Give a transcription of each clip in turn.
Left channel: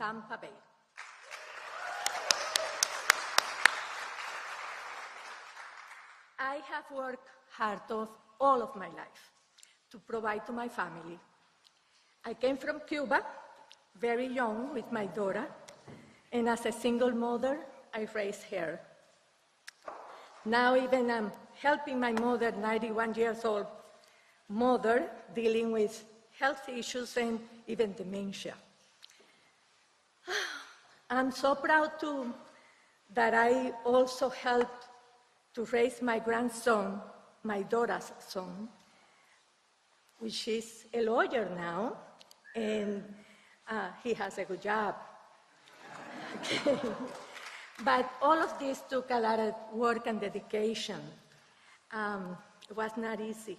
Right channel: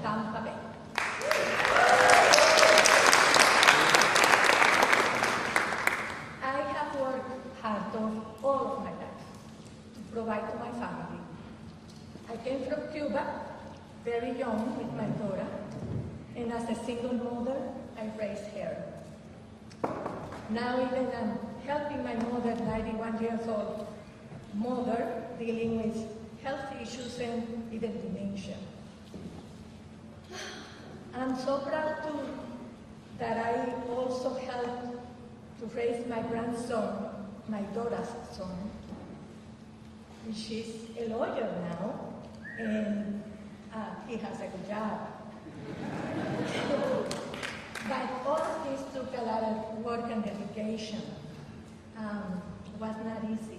Tampa Bay. I have worked hard all of my life to provide to my family. I came from Cuba very young with my daughter, and as a single mother, I raised her. Now even I'm helping my mother, 91 years old mother, dealing with health issues and even dementia. I'm so proud that I also helped to raise my grandson, my daughter's son, which is a lawyer now, and he has a good job. But all of this took a lot of work and dedication. It was not easy.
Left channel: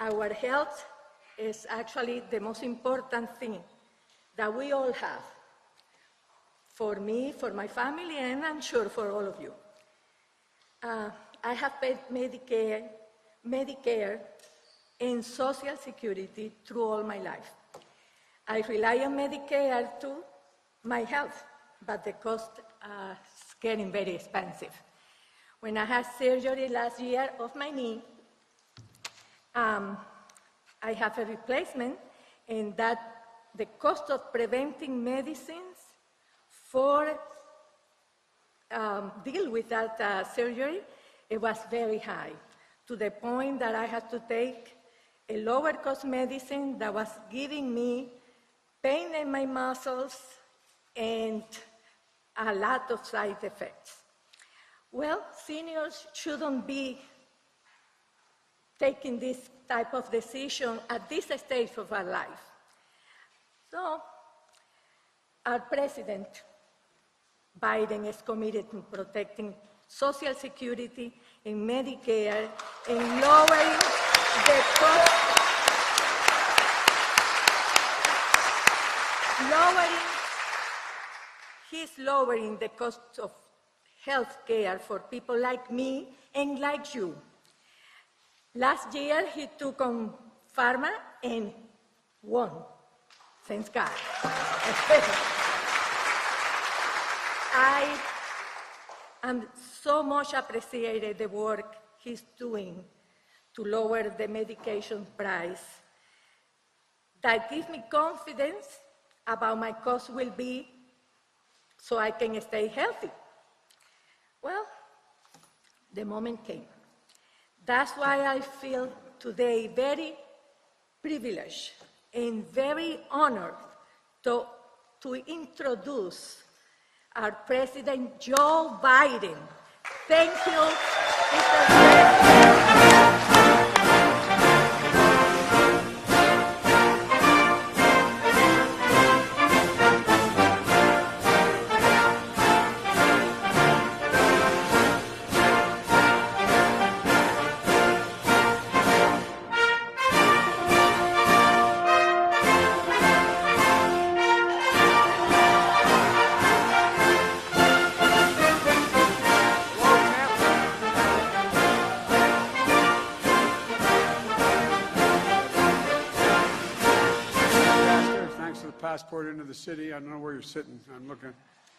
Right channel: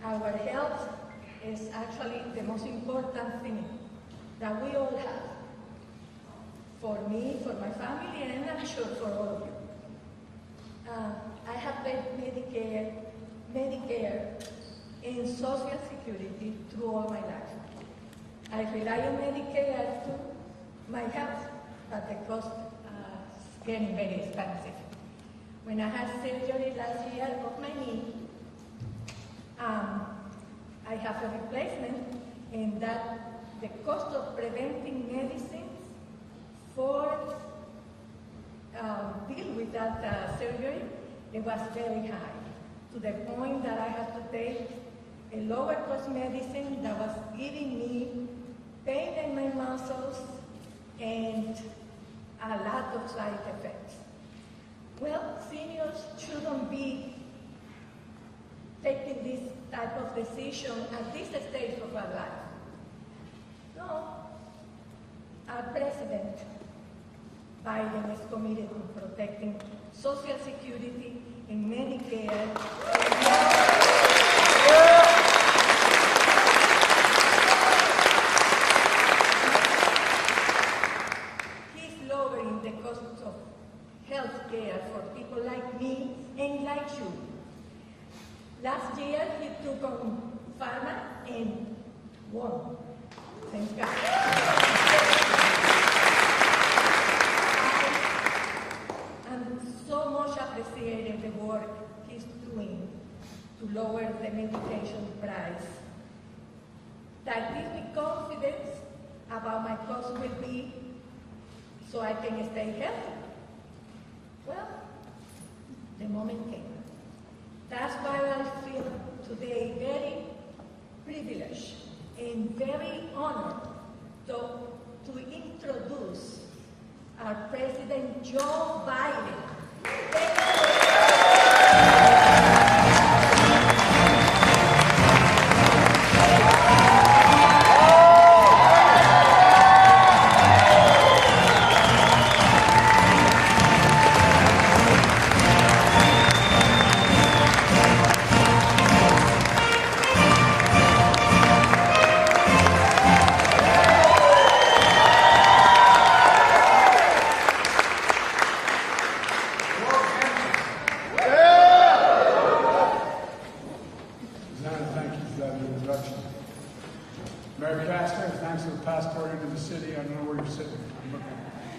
Our health is actually the most important thing that we all have. For me, for my family, and I'm sure for all of you. I have paid Medicare and Social Security through all my life. I rely on Medicare to my health, but the cost is getting very expensive. When I had surgery last year of my knee, I have a replacement, and that the cost of preventing medicines for deal with that surgery, it was very high, to the point that I had to take a lower cost medicine that was giving me pain in my muscles and a lot of side effects. Well, seniors shouldn't be taking this type of decision at this stage of our life. So, our president, Biden, is committed to protecting Social Security and Medicare and lowering the cost of health care for people like me and like you. Last year, he took on pharma and won. Thanks God. I'm so much appreciated the work he's doing to lower the medication price. That gives me confidence about my cost will be so I can stay healthy. Well, the moment came. That's why I feel today very privileged and very honored to introduce our President Joe Biden. Thank you.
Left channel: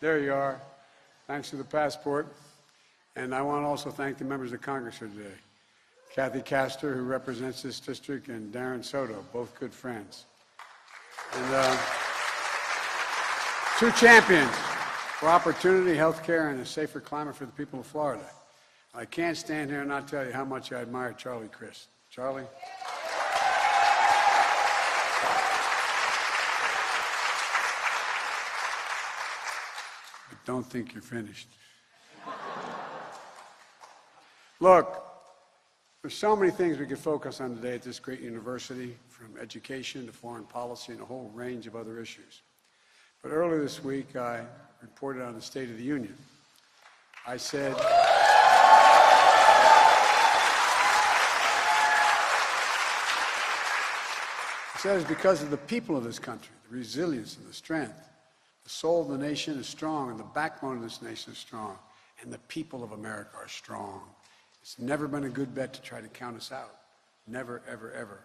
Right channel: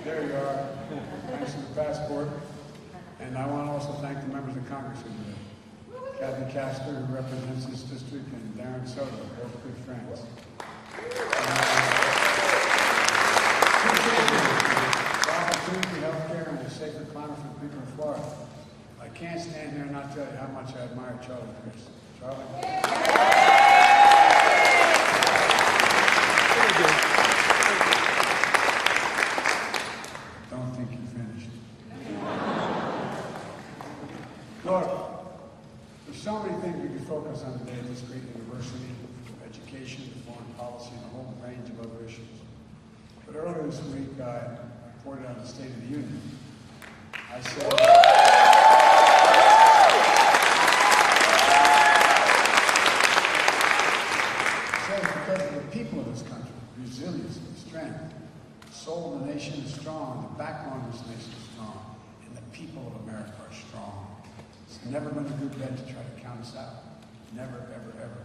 There you are. Thanks for the passport. And I want to also thank the members of Congress for today. Kathy Castor, who represents this district, and Darren Soto, both good friends. Two champions for opportunity, health care, and a safer climate for the people of Florida. I can't stand here and not tell you how much I admire Charlie Crist. Charlie? Don't think you're finished. Look, there's so many things we could focus on today at this great university, from education to foreign policy and a whole range of other issues. But earlier this week, I reported on the State of the Union. I said, because of the people of this country, resilience and the strength, the soul of the nation is strong, and the backbone of this nation is strong, and the people of America are strong. It's never been a good bet to try to count us out. Never, ever, ever.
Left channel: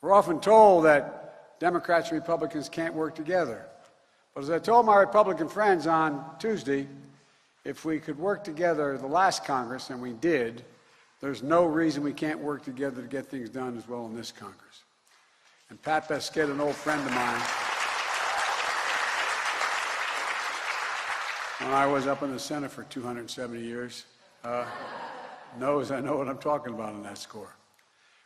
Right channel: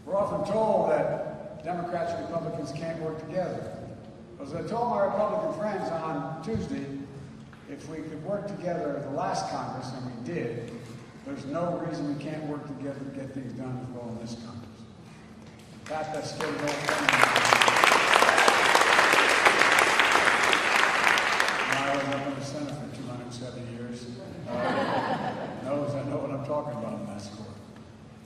We're often told that Democrats and Republicans can't work together. But as I told my Republican friends on Tuesday, if we could work together the last Congress, and we did, there's no reason we can't work together to get things done as well in this Congress. And Pat Pesquet, an old friend of mine, when I was up in the Senate for 270 years, knows I know what I'm talking about on that score.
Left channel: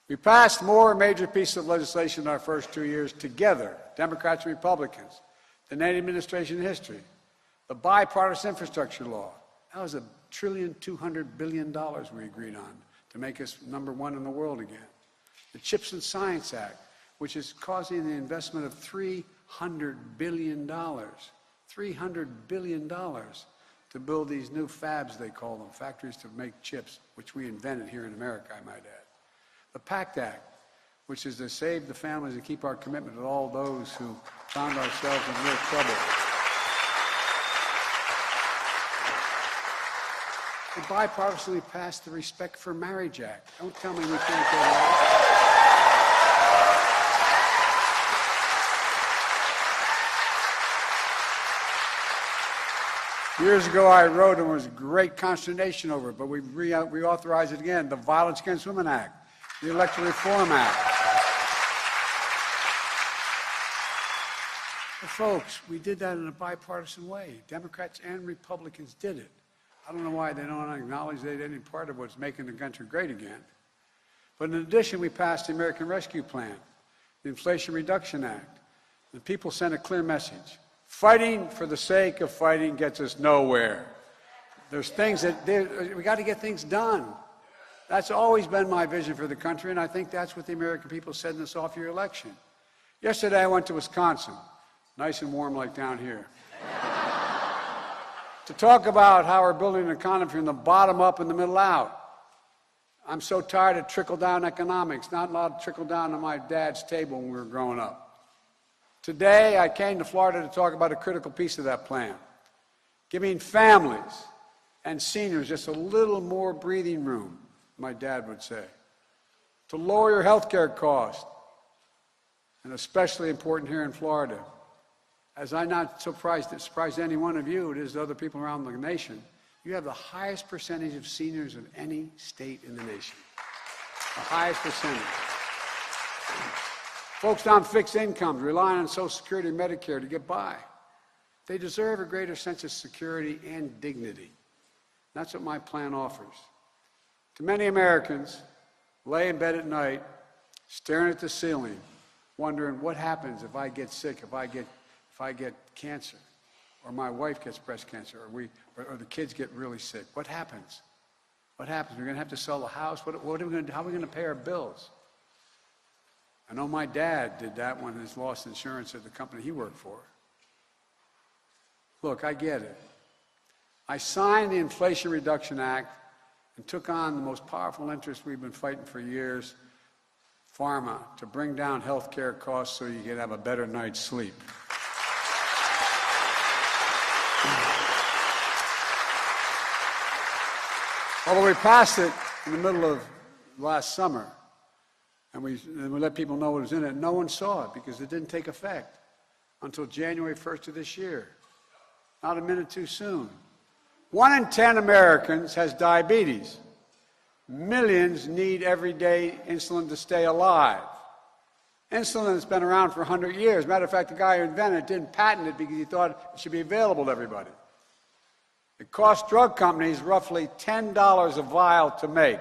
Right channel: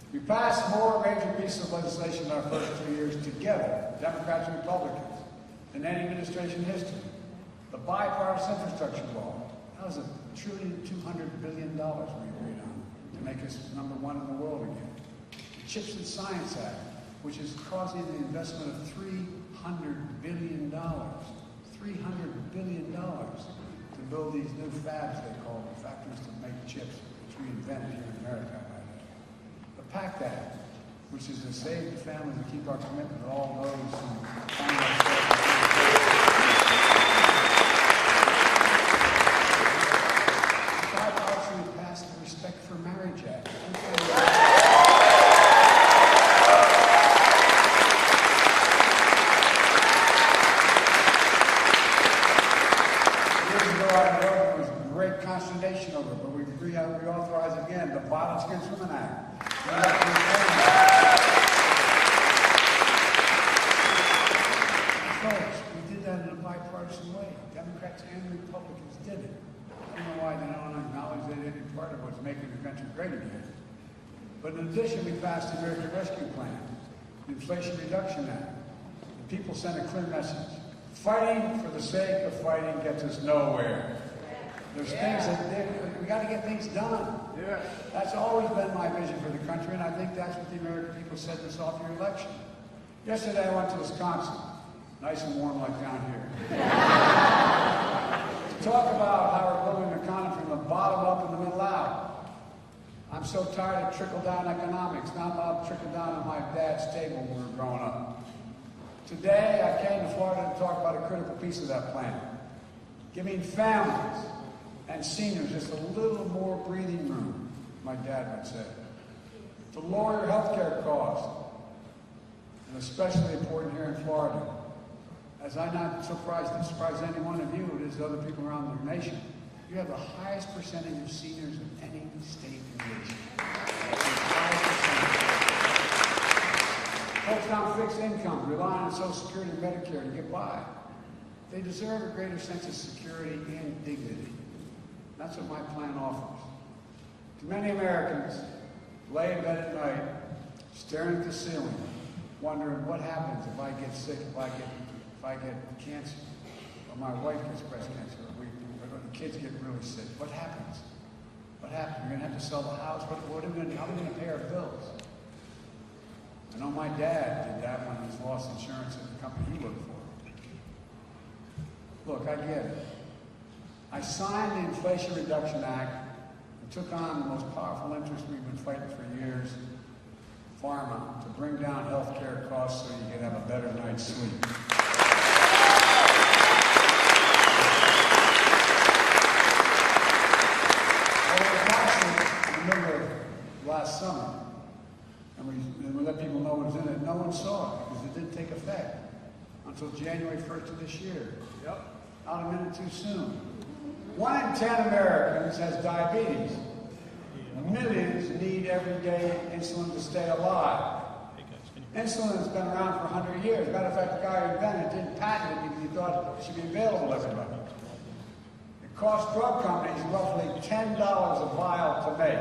We passed more major pieces of legislation in our first 2 years together, Democrats and Republicans, than any administration in history. The bipartisan infrastructure law, that was $1.2 trillion we agreed on to make us #1 in the world again. The CHIPS and Science Act, which is causing the investment of $300 billion, $300 billion to build these new fabs, they call them, factories to make chips, which we invented here in America, I might add. The PACT Act, which is to save the families and keep our commitment to all those who found ourselves in real trouble. Bipartisan, we passed the Respect for Marriage Act. Don't tell me Years ago, I wrote, and there was great consternation over it, but we reauthorized it again. The Violence Against Women Act, the Election Reform Act. Folks, we did that in a bipartisan way. Democrats and Republicans did it. I don't know why they don't acknowledge they did any part of what's making the country great again. But in addition, we passed the American Rescue Plan, the Inflation Reduction Act. The people sent a clear message. Fighting for the sake of fighting gets us nowhere. There's things that we got to get things done. That's always been my vision for the country, and I think that's what the American people said in this off-year election. Yesterday, I went to Wisconsin, nice and warm like down here. To talk about how we're building an economy from the bottom up and the middle out. I'm so tired of trickle-down economics, not allowed to trickle down to my dad's table when we were growing up. Today, I came to Florida to talk about a critical piece of that plan, giving families and seniors just a little more breathing room, my dad would say, to lower your health care costs, and especially important here in Florida. As I'm not surprised any one of you, it is to other people around the nation, you have the highest percentage of seniors of any state in the nation. The highest percentage. Folks on fixed incomes, relying on Social Security and Medicare to get by. They deserve a greater sense of security and dignity. That's what my plan offers. To many Americans, lay in bed at night, staring at the ceiling, wondering what happens if I get sick, if I get cancer, or my wife gets breast cancer, or the kids get really sick. What happens? What happens? We're going to have to sell the house. How are we going to pay our bills? I know my dad did that when he lost insurance at the company he worked for. Look, I get it. I signed the Inflation Reduction Act and took on the most powerful interest we've been fighting for years, pharma, to bring down health care costs so you can have a better night's sleep. Although we passed it in the middle of last summer, and we let people know what was in it, no one saw it because it didn't take effect until January 1st of this year. Yep. Not a minute too soon. 1 in 10 Americans has diabetes. Millions need everyday insulin to stay alive. Insulin has been around for 100 years. Matter of fact, the guy who invented it didn't patent it because he thought it should be available to everybody. It costs drug companies roughly $10 a vial to make,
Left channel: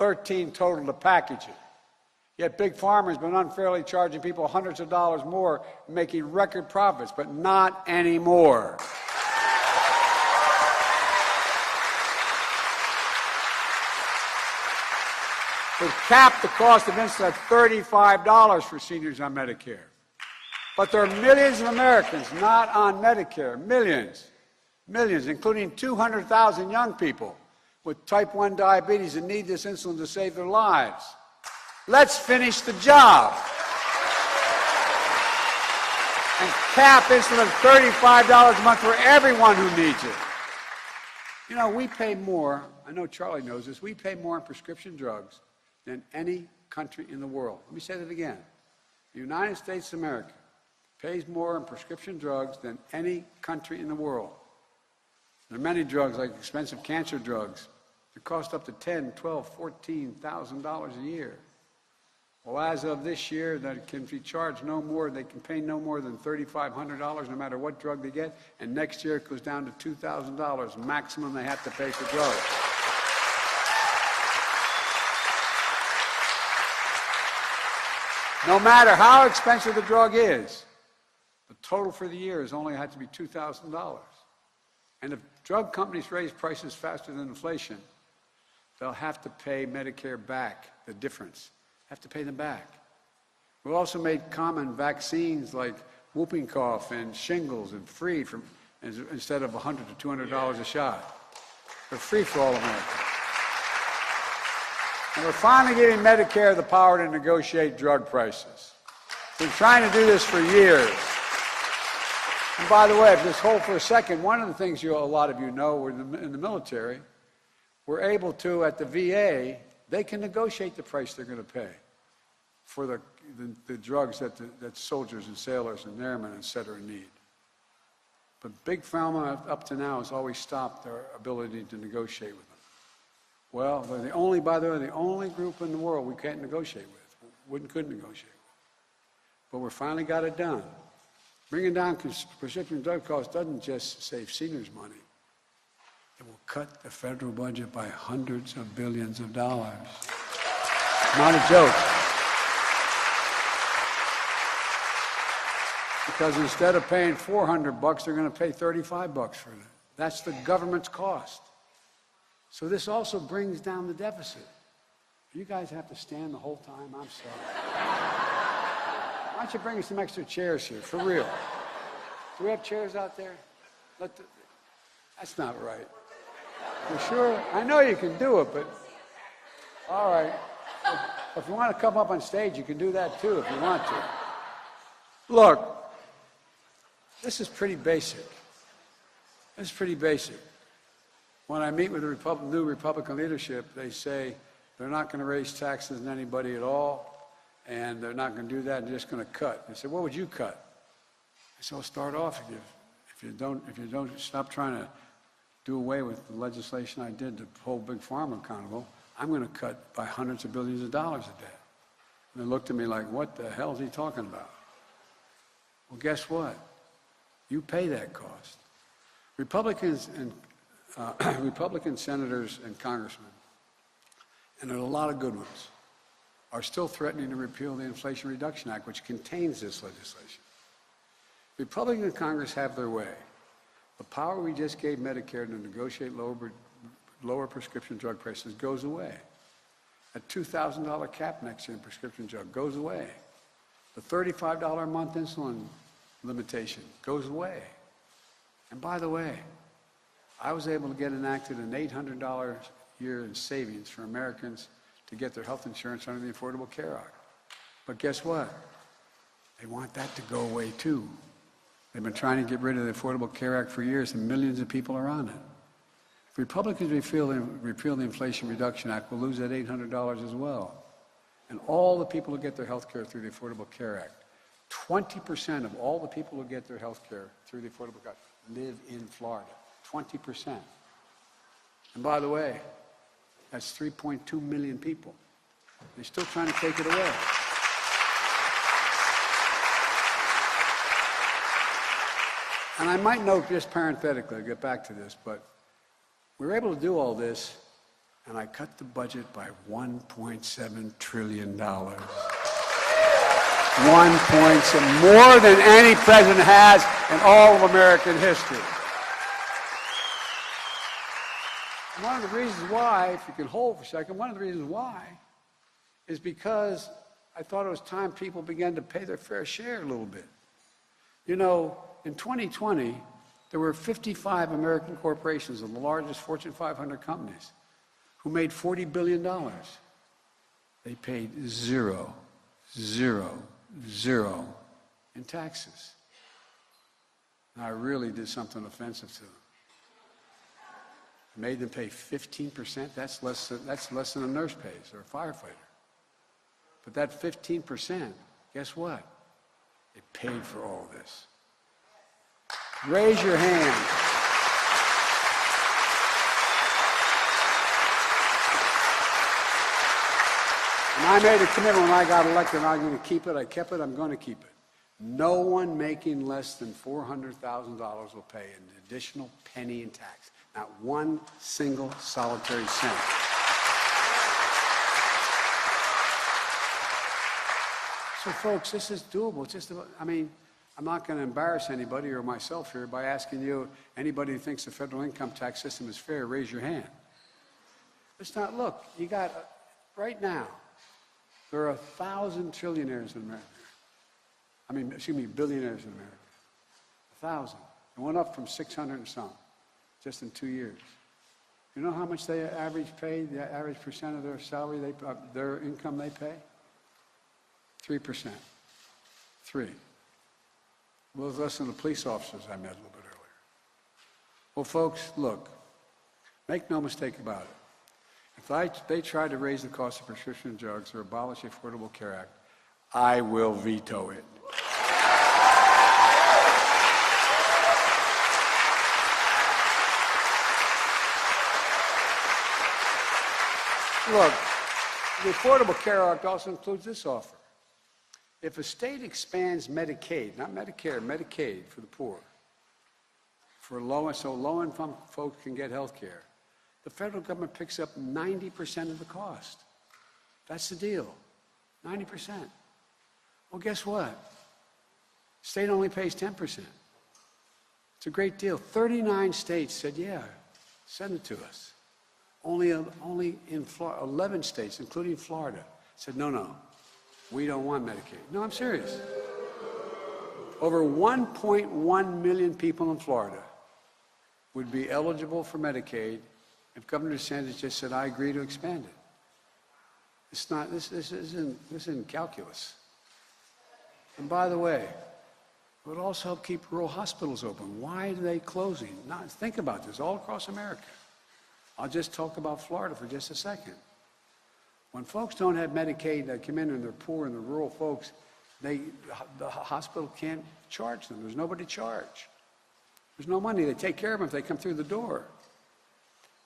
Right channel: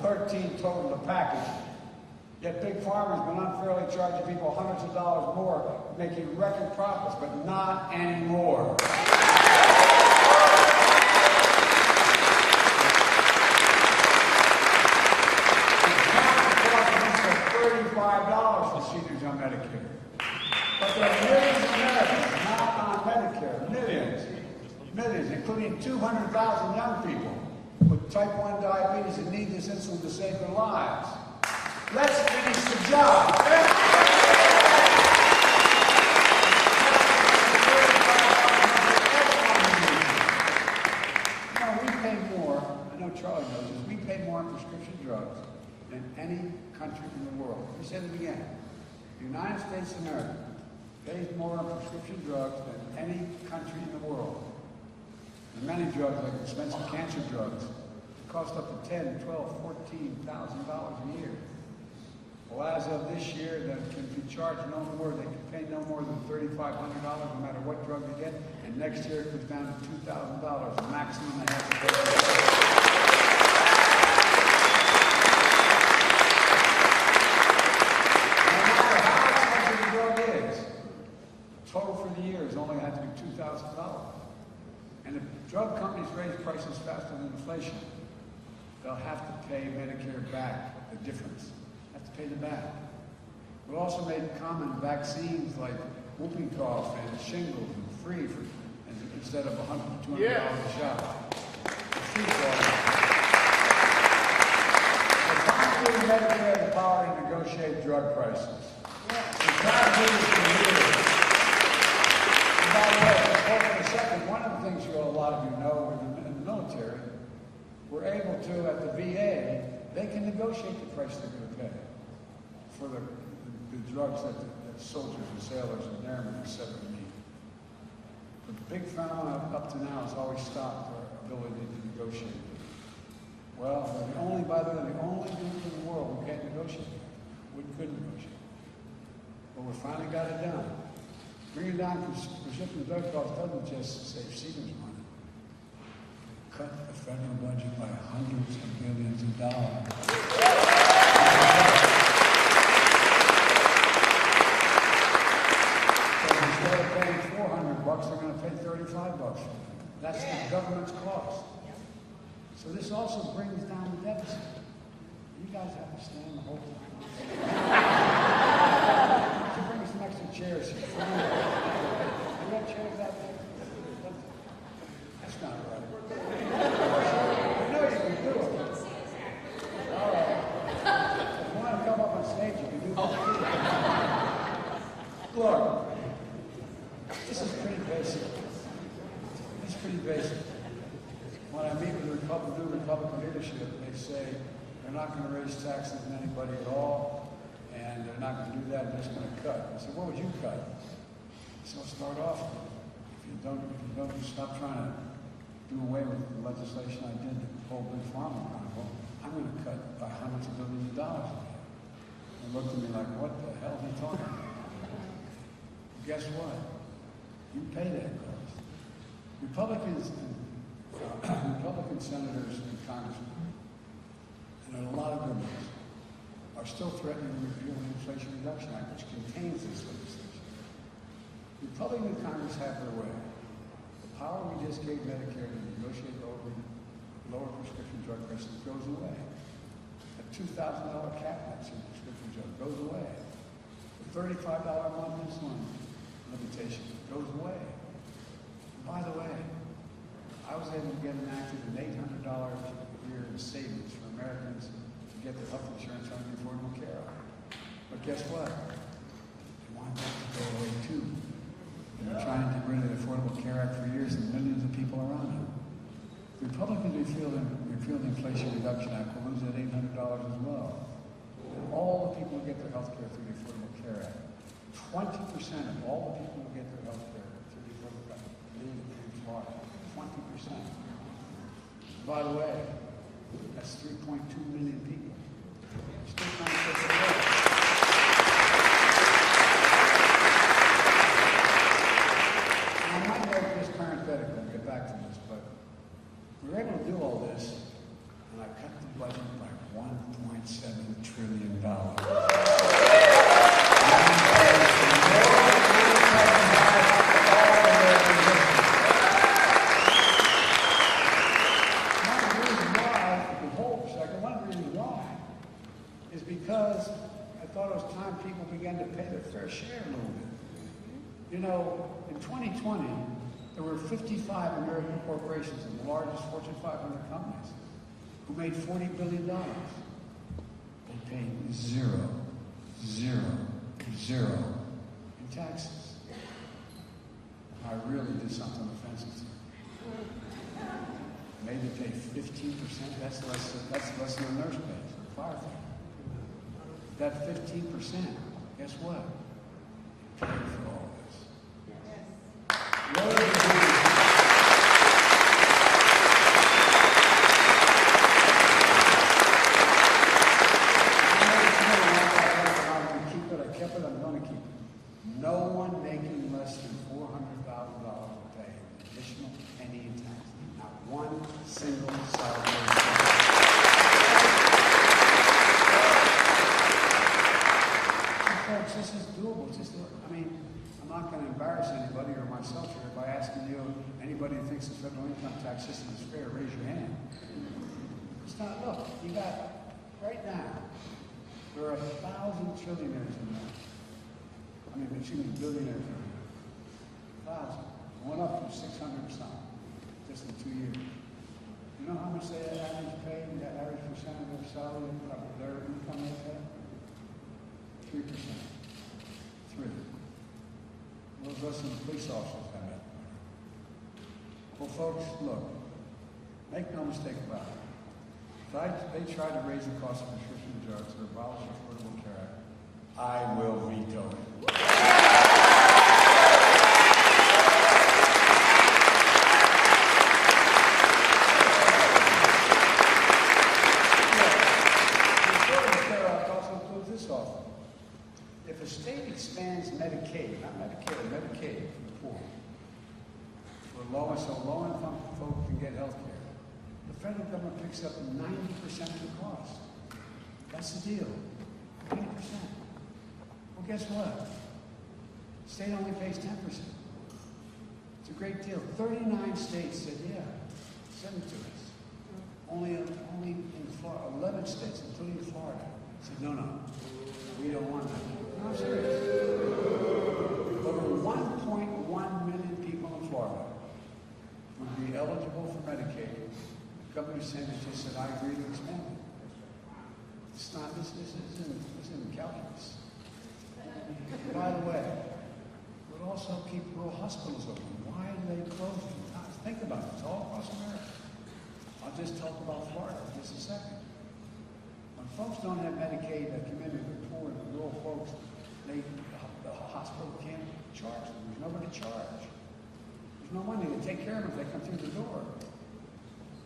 $13 total to package. Yet Big Pharma has been unfairly charging people hundreds of dollars more, making record profits, but not anymore. Capped the cost of insulin at $35 for seniors on Medicare. But there are millions of Americans not on Medicare, millions, including 200,000 young people with type 1 diabetes that need this insulin to save their lives. Let's finish the job. Cap insulin at $35 a month for everyone who needs it. You know, we pay more, I know Charlie knows this, we pay more on prescription drugs than any country in the world. Let me say that again. The United States of America pays more in prescription drugs than any country in the world. There are many drugs, like expensive cancer drugs, that cost up to $10,000, $12,000, $14,000 a year. Well, as of this year, they can be charged no more, they can pay no more than $3,500 no matter what drug they get, and next year it goes down to $2,000, the maximum they have to pay for drugs. No matter how expensive the drug is, the total for the year is only had to be $2,000. And if drug companies raise prices faster than inflation, they'll have to pay Medicare back the difference. Have to pay them back. We also made common vaccines like whooping cough and shingles and free from instead of $100 to $200 a shot. They're free for all of them. We're finally giving Medicare the power to negotiate drug prices. We're trying to do this for years. And by the way, just hold for a second. One of the things a lot of you know, we're in the military, we're able to, at the VA, they can negotiate the price they're going to pay for the drugs that soldiers and sailors and airmen, et cetera, need. But Big Pharma, up to now, has always stopped their ability to negotiate with them. Well, they're by the way, the only group in the world we can't negotiate with. We couldn't negotiate. But we finally got it done. Bringing down prescription drug costs doesn't just save seniors money. It will cut the federal budget by hundreds of billions of dollars. Not a joke. Because instead of paying $400, they're going to pay $35 for them. That's the government's cost. So this also brings down the deficit. You guys have to stand the whole time I'm standing. Why don't you bring some extra chairs here, for real? Do we have chairs out there? That's not right. Sure, I know you can do it, but all right. If you want to come up on stage, you can do that too if you want to. Look, this is pretty basic. This is pretty basic. When I meet with the new Republican leadership, they say they're not going to raise taxes on anybody at all, and they're not going to do that, they're just going to cut. They say, what would you cut? I said, I'll start off again. If you don't stop trying to do away with the legislation I did to hold Big Pharma accountable, I'm going to cut by hundreds of billions of dollars a day. And they looked at me like, what the hell is he talking about? Well, guess what? You pay that cost. Republicans and Republican senators and congressmen, and there are a lot of good ones, are still threatening to repeal the Inflation Reduction Act, which contains this legislation. Republicans in Congress have their way. The power we just gave Medicare to negotiate lower prescription drug prices goes away. A $2,000 cap next year in prescription drug goes away. The $35 a month insulin limitation goes away. And by the way, I was able to get enacted an $800 a year in savings for Americans to get their health insurance under the Affordable Care Act. But guess what? They want that to go away too. They've been trying to get rid of the Affordable Care Act for years, and millions of people are on it. If Republicans repeal the Inflation Reduction Act, we'll lose that $800 as well. And all the people who get their health care through the Affordable Care Act, 20% of all the people who get their health care through the Affordable Care Act live in Florida. 20%. And by the way, that's 3.2 million people. They're still trying to take it away. And I might note just parenthetically, I'll get back to this, but we were able to do all this, and I cut the budget by $1.7 trillion. 1.7, more than any president has in all of American history. If you could hold for a second, one of the reasons why is because I thought it was time people began to pay their fair share a little bit. You know, in 2020, there were 55 American corporations of the largest Fortune 500 companies who made $40 billion. They paid zero in taxes. I really did something offensive to them. Made them pay 15%, that's less than a nurse pays or a firefighter. But that 15%, guess what? It paid for all this? Raise your hand. I made a commitment when I got elected, I'm going to keep it, I kept it, I'm going to keep it. No one making less than $400,000 will pay an additional penny in tax. Not one single solitary cent. So folks, this is doable. I'm not going to embarrass anybody or myself here by asking you, anybody who thinks the federal income tax system is fair, raise your hand. It's not, look, you got, right now, there are 1,000 trillionaires in America. Billionaires in America. 1,000. It went up from 600 and some, just in 2 years. You know how much they average pay, the average percent of their salary, their income they pay? 3%. 3. Well, it's less than the police officers I met a little bit earlier. Well, folks, look, make no mistake about it. If they try to raise the cost of prescription drugs or abolish the Affordable Care Act, I will veto it. Look, the Affordable Care Act also includes this offer. If a state expands Medicaid, not Medicare, Medicaid for the poor, so low-income folk can get health care, the federal government picks up 90% of the cost. That's the deal, 90%. Well, guess what? The state only pays 10%. It's a great deal. 39 states said, yeah, send it to us. Only in 11 states, including Florida, said, no, we don't want Medicaid. No, I'm serious. Over 1.1 million people in Florida would be eligible for Medicaid if Governor DeSantis just said, I agree to expand it. It's not, this isn't calculus. And by the way, it would also help keep rural hospitals open. Why are they closing? Now, think about this all across America. I'll just talk about Florida for just a second. When folks don't have Medicaid that come in and they're poor and the rural folks, the hospital can't charge them. There's nobody to charge. There's no money. They take care of them if they come through the door.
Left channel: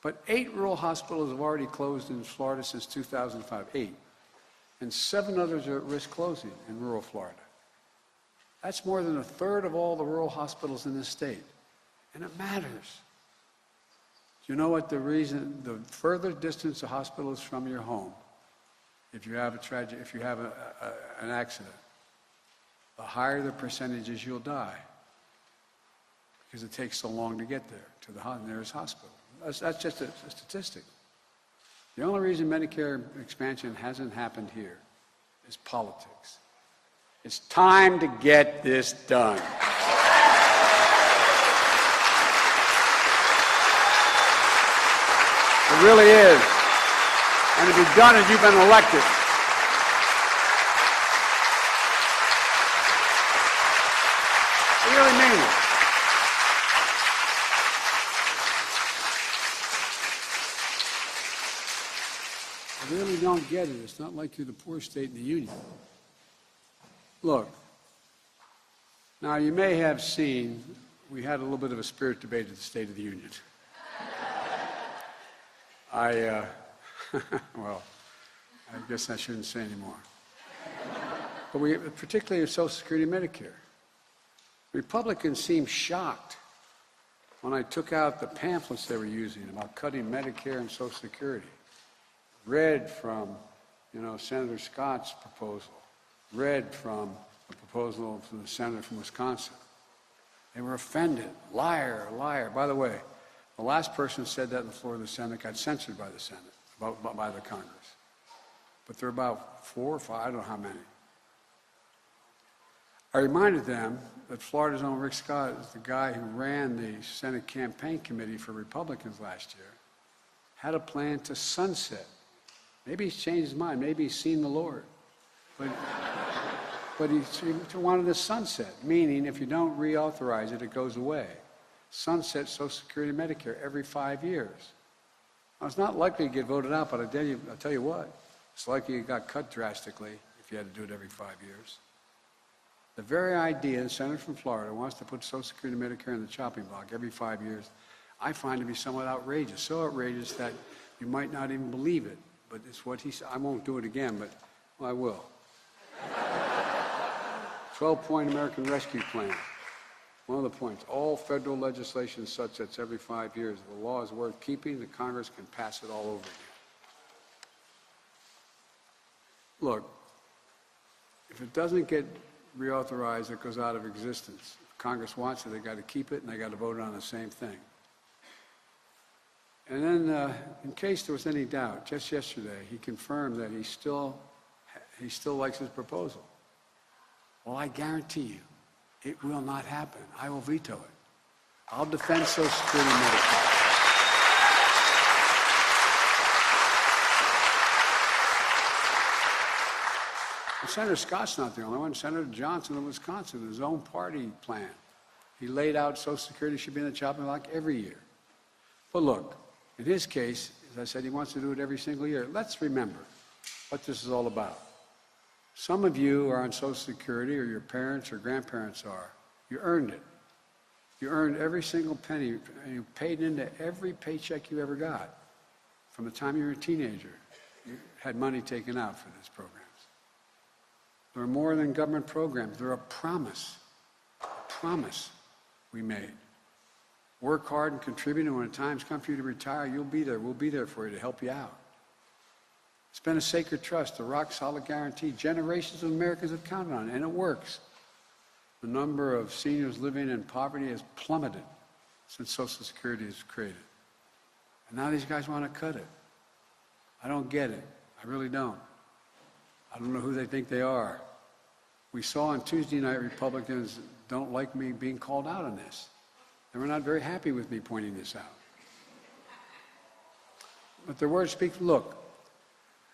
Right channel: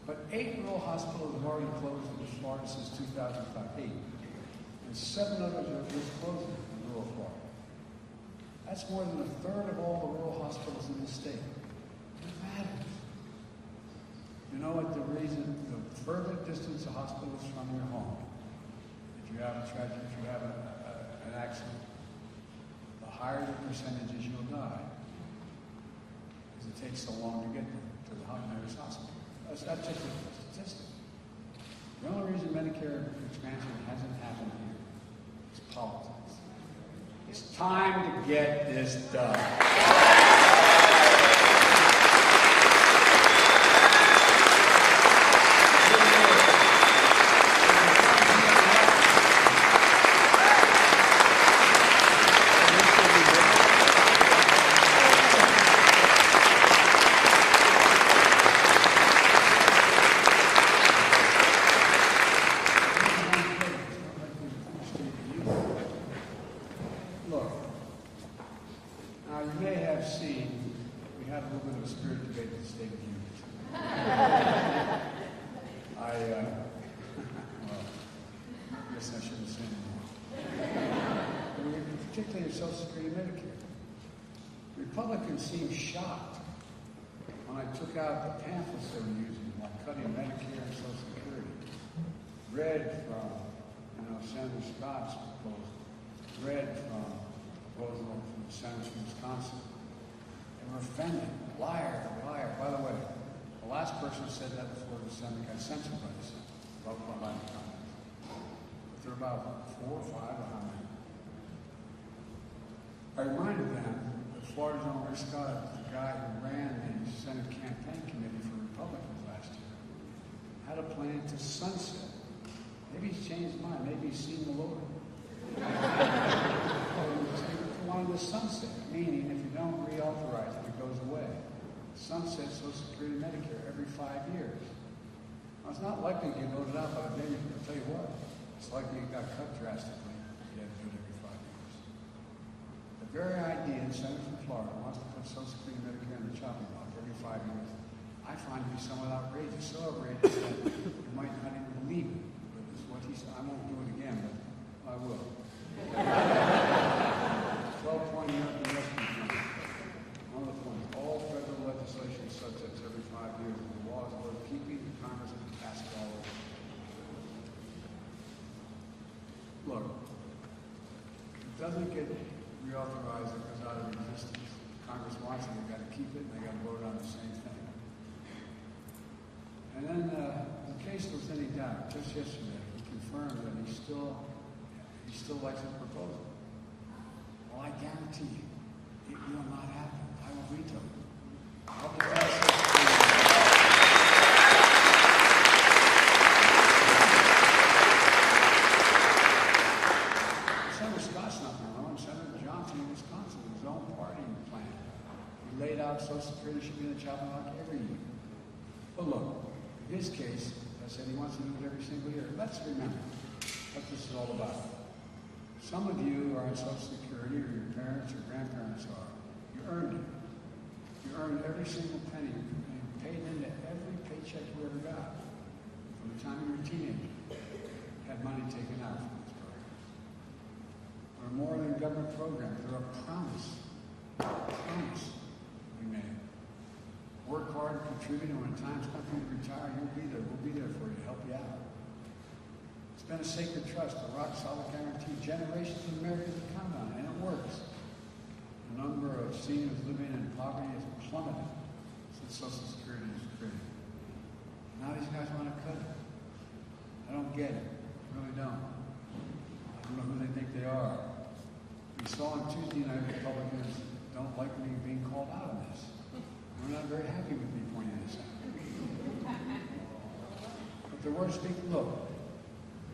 But 8 rural hospitals have already closed in Florida since 2005, 8. And 7 others are at risk closing in rural Florida. That's more than a third of all the rural hospitals in this state. And it matters. You know what the reason, the further distance a hospital is from your home, if you have a tragedy, if you have an accident, the higher the percentages you'll die. Because it takes so long to get there, to the nearest hospital. That's just a statistic. The only reason Medicare expansion hasn't happened here is politics. It's time to get this done. It really is. And if you've done it, you've been elected. You really mean it. I really don't get it. It's not like in a poor state of the Union. Look, now you may have seen, we had a little bit of a spirit debate at the State of the Union. Well, I guess I shouldn't say anymore. But particularly in Social Security and Medicare. Republicans seemed shocked when I took out the pamphlets they were using about cutting Medicare and Social Security. Read from, Senator Scott's proposal. Read from a proposal from the senator from Wisconsin. They were offended. Liar, liar. By the way, the last person who said that before the Senate got censored by the Senate, by the Congress. But there are about 4 or 5, I don't know how many. I reminded them that Florida's own Rick Scott is the guy who ran the Senate campaign committee for Republicans last year, had a plan to sunset. Maybe he's changed his mind. Maybe he's seen the Lord. But he wanted to sunset, meaning if you don't reauthorize it, it goes away. Sunset Social Security and Medicare every 5 years. Now, it's not likely to get voted out, but I'll tell you what, it's likely it got cut drastically if you had to do it every 5 years. The very idea, the senator from Florida wants to put Social Security and Medicare in the chopping block every 5 years, I find to be somewhat outrageous. So outrageous that you might not even believe it. But it's what he said. I won't do it again, but I will. 12-point American Rescue Plan. One of the points, all federal legislation sunsets every 5 years. The law is worth keeping. The Congress can pass it all over. Look, if it doesn't get reauthorized, it goes out of existence. If Congress wants it, they got to keep it, and they got to vote on the same thing. And then, in case there was any doubt, just yesterday, he confirmed that he still likes his proposal. Well, I guarantee you, it will not happen. I will veto it. I'll defend Social Security. Senator Scott's not the only one. Senator Johnson of Wisconsin, his own party plan. He laid out Social Security should be in the chopping block every year. But look, in his case, as I said, he wants to do it every single year. Let's remember what this is all about. Some of you are on Social Security, or your parents or grandparents are. You earned it. You earned every single penny. You paid into every paycheck you ever got. From the time you were a teenager, you had money taken out for these programs. They're more than government programs. They're a promise we made. Work hard and contribute, and when times come for you to retire, you'll be there. We'll be there for you to help you out. It's been a sacred trust, a rock-solid guarantee. Generations of Americans have counted on it, and it works. The number of seniors living in poverty has plummeted since Social Security was created. And now these guys want to cut it. I don't get it. I really don't. I don't know who they think they are. We saw on Tuesday night Republicans don't like me being called out on this. And we're not very happy with me pointing this out. But their words speak. Look,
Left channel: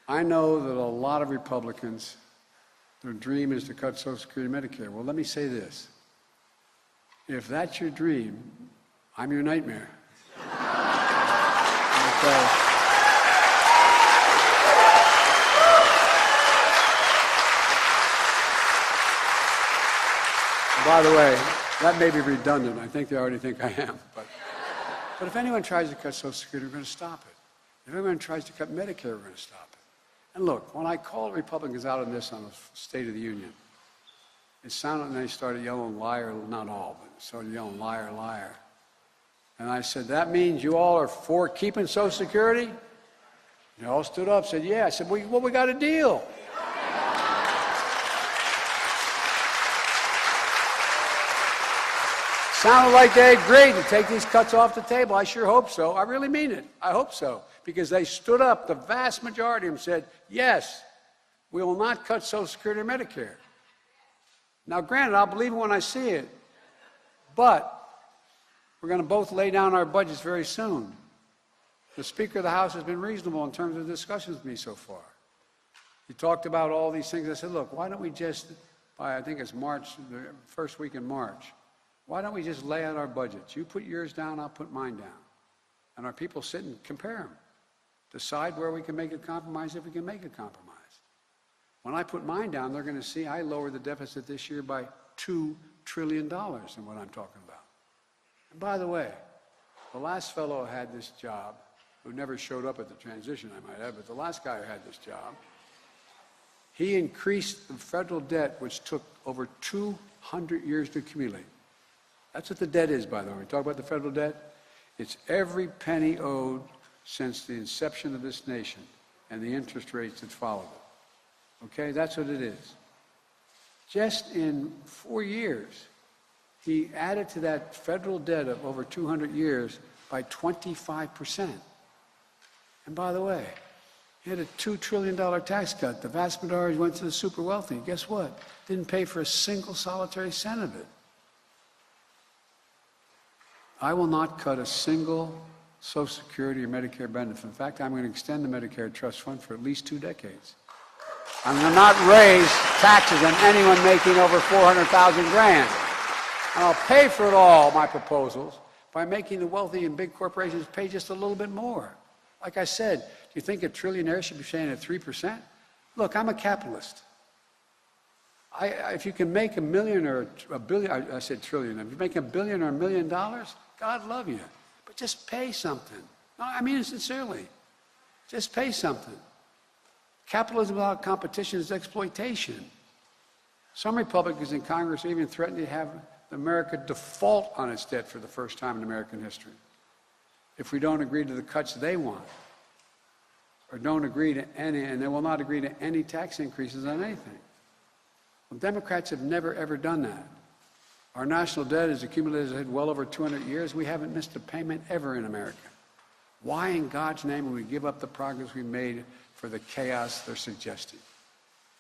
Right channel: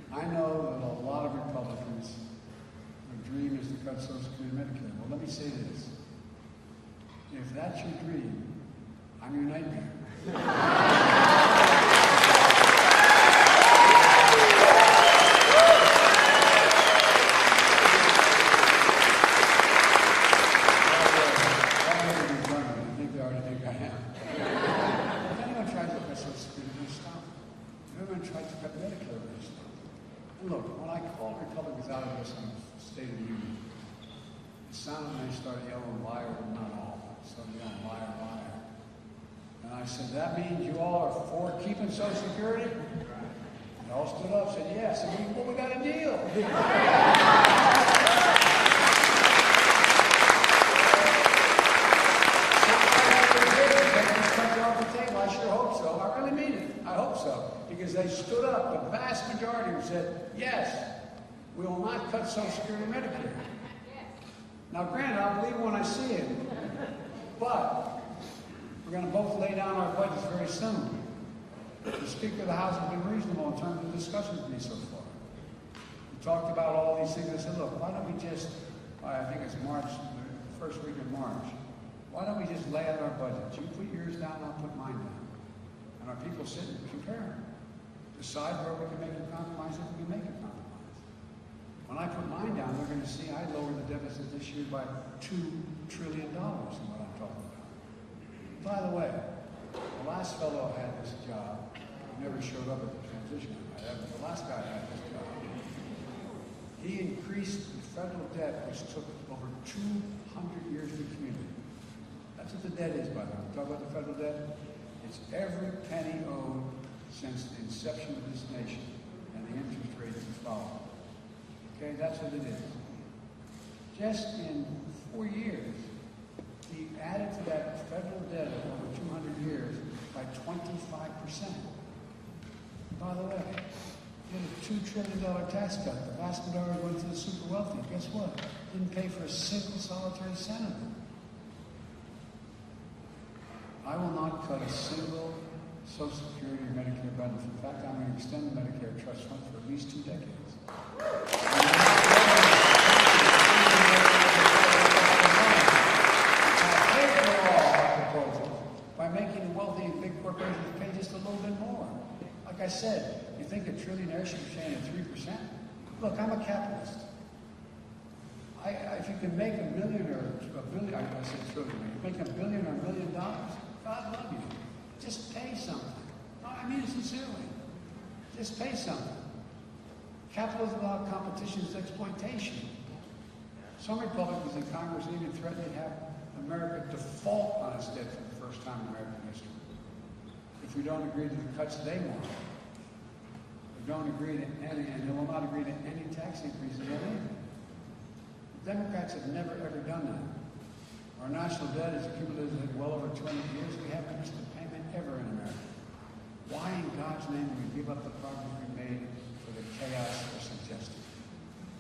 I know that a lot of Republicans, their dream is to cut Social Security and Medicare. Well, let me say this. If that's your dream, I'm your nightmare. By the way, that may be redundant. I think they already think I am. But if anyone tries to cut Social Security, we're going to stop it. If anyone tries to cut Medicare, we're going to stop it. And look, when I called Republicans out of this on the State of the Union, it sounded like they started yelling liar, not all, but started yelling liar, liar. And I said, that means you all are for keeping Social Security? They all stood up and said, yeah. I said, well, we got a deal. Sounded like they agreed to take these cuts off the table. I sure hope so. I really mean it. I hope so. Because they stood up, the vast majority of them said, yes, we will not cut Social Security or Medicare. Now, granted, I'll believe it when I see it. But we're going to both lay down our budgets very soon. The Speaker of the House has been reasonable in terms of discussions with me so far. He talked about all these things. I said, look, why don't we just, I think it's March, the first week in March, why don't we just lay out our budgets? You put yours down, I'll put mine down. And our people sit and compare them. Decide where we can make a compromise, if we can make a compromise. When I put mine down, they're going to see I lowered the deficit this year by $2 trillion in what I'm talking about. By the way, the last fellow who had this job, who never showed up at the transition, I might add, but the last guy who had this job, he increased the federal debt, which took over 200 years to accumulate. That's what the debt is, by the way. We talk about the federal debt. It's every penny owed since the inception of this nation and the interest rates that follow. Okay, that's what it is. Just in 4 years, he added to that federal debt of over 200 years by 25%. And by the way, he had a $2 trillion tax cut. The vast majority went to the super wealthy. Guess what? Didn't pay for a single solitary cent of it. I will not cut a single Social Security or Medicare benefit. In fact, I'm going to extend the Medicare Trust Fund for at least 2 decades. I'm going to not raise taxes on anyone making over $400,000 grand. And I'll pay for it all, my proposals, by making the wealthy and big corporations pay just a little bit more. Like I said, you think a trillionaire should be paying at 3%? Look, I'm a capitalist. If you can make $1 million or $1 billion, I said trillion, if you make $1 billion or $1 million, God love you. But just pay something. No, I mean it sincerely. Just pay something. Capitalism without competition is exploitation. Some Republicans in Congress even threatened to have America default on its debt for the first time in American history if we don't agree to the cuts they want, or don't agree to any, and they will not agree to any tax increases on anything. Well, Democrats have never, ever done that. Our national debt is accumulated well over 200 years. We haven't missed a payment ever in America. Why in God's name would we give up the progress we made for the chaos they're suggesting?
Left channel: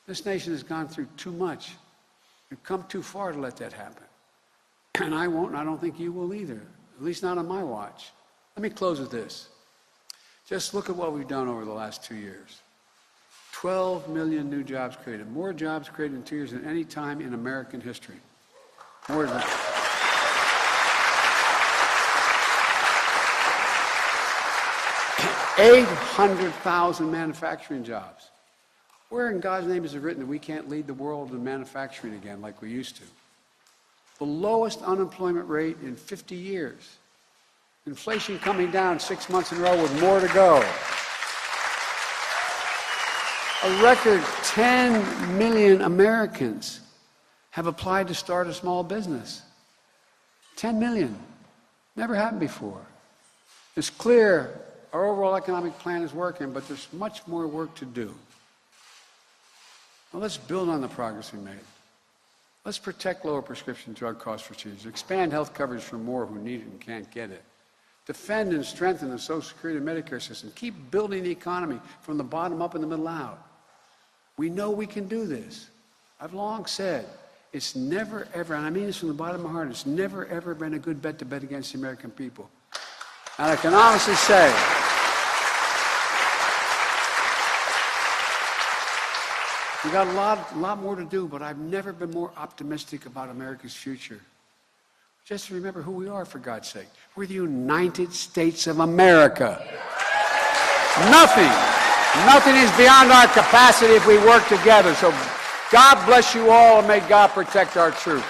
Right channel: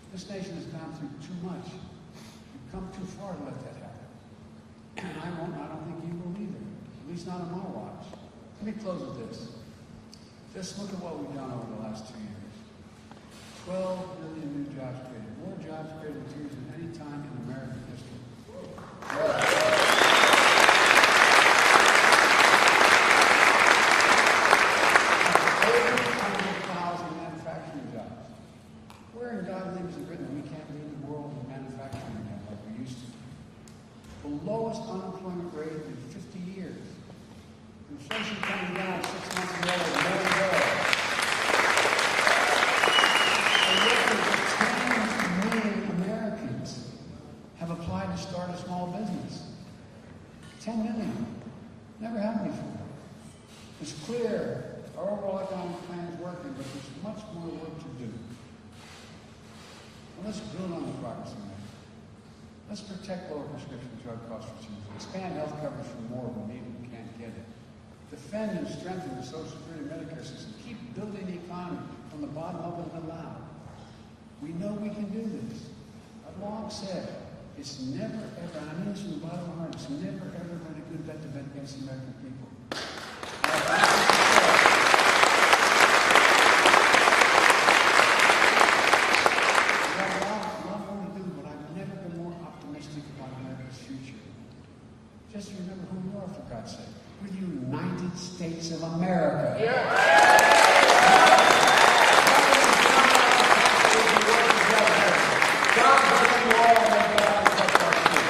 This nation has gone through too much. We've come too far to let that happen. And I won't, and I don't think you will either, at least not on my watch. Let me close with this. Just look at what we've done over the last 2 years. 12 million new jobs created. More jobs created in 2 years than any time in American history. More than that. 800,000 manufacturing jobs. Where in God's name is it written that we can't lead the world in manufacturing again like we used to? The lowest unemployment rate in 50 years. Inflation coming down 6 months in a row with more to go. A record 10 million Americans have applied to start a small business. 10 million. Never happened before. It's clear our overall economic plan is working, but there's much more work to do. Well, let's build on the progress we made. Let's protect lower prescription drug costs for seniors. Expand health coverage for more who need it and can't get it. Defend and strengthen the Social Security and Medicare system. Keep building the economy from the bottom up and the middle out. We know we can do this. I've long said, it's never ever, and I mean this from the bottom of my heart, it's never ever been a good bet to bet against the American people. And I can honestly say, we've got a lot more to do, but I've never been more optimistic about America's future. Just remember who we are, for God's sake. We're the United States of America. Nothing is beyond our capacity if we work together. So God bless you all, and may God protect our truth.